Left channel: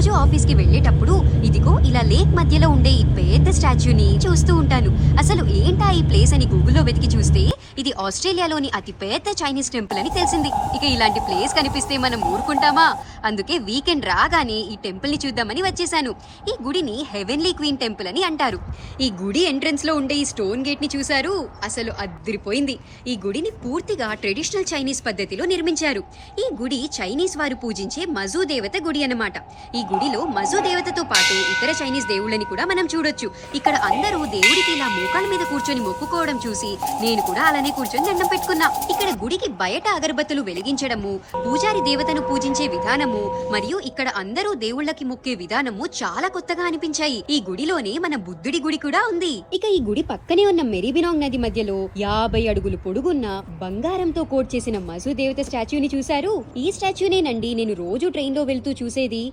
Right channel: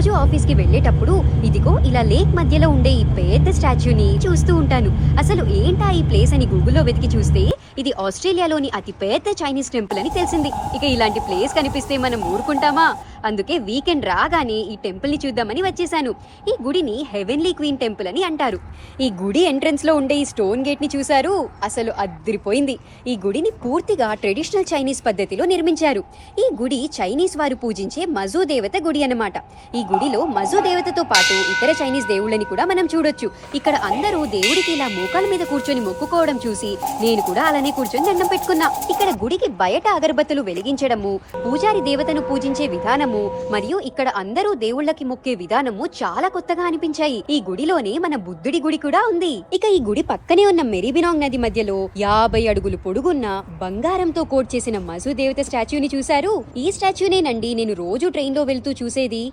రోజు ఆఫీస్ కి వెళ్ళేటప్పుడు ఇదిగో ఇలా లేక్ మధ్యలో ఉండే ఈ పెద్ద స్టాచ్యూని చూస్తూ ఉంటాను. అసలు ఏంటా ఈ ప్లేస్ అని గూగుల్లో వెతికి చూస్తే ఇది ఆస్ట్రేలియాలోని అతి పెద్ద చైనీస్ టెంపుల్ అని తెలిసింది. ఇక ఇలాంటి ప్లేస్ కనిపిస్తే మనం ఊరుకుంటామా? అందుకే వీకెండ్ రాగానే ఈ టెంపుల్ ని చూద్దామని వచ్చేసాను. ఈ గుడిని హెవెన్లీ క్వీన్ టెంపుల్ అని అంటారు. ఈ గుడి ఎంట్రన్స్ లో ఉండే ఈ స్టోన్ గేట్ ని చూశారు? అసలు అదిరిపోయింది. ఈ గుడిని పూర్తిగా ట్రెడిషనల్ చైనీస్ పద్ధతిలో నిర్మించారు. ఈ గుడి చైనీస్ వారు పూజించే మజూ దేవత గుడి అన్నమాట. ఈ గుడిలో మజూ దేవతతో పాటు ఇతర చైనీస్ దేవుళ్ళని కూడా మనం చూడొచ్చు. ఇక్కడ అందరూ దేవుడికి ఇలా మోకాల మీద కూర్చొని మొక్కుకోవడం చూసి నేను కూడా అలానే కూర్చొని దండం పెట్టుకున్నా. ఇక్కడ గుడికి బయట అగరబత్తులు వెలిగించడము, పూజారి దేవతను పూజించే విధానము మరియు ఇక్కడ అందరూ దేవుళ్ళకి మొక్కే విధానము చాలా కొత్తగా అనిపించాయి. ఈ గుడిలోనే మన బుద్ధుడి గుడి కూడా ఉంది. ఇక ఈ గుడి పక్కనే ఉన్న మెరీబినాంగ్ నది మధ్యలో 50 అడుగులు పొడుగున్న బంగారంతో కోట్ చేసిన మజూ దేవత స్టాచ్యూని చూశారు? ఈ స్టాచ్యూనేనండి నేను రోజు ట్రైన్ లో వెళ్తూ చూసేది.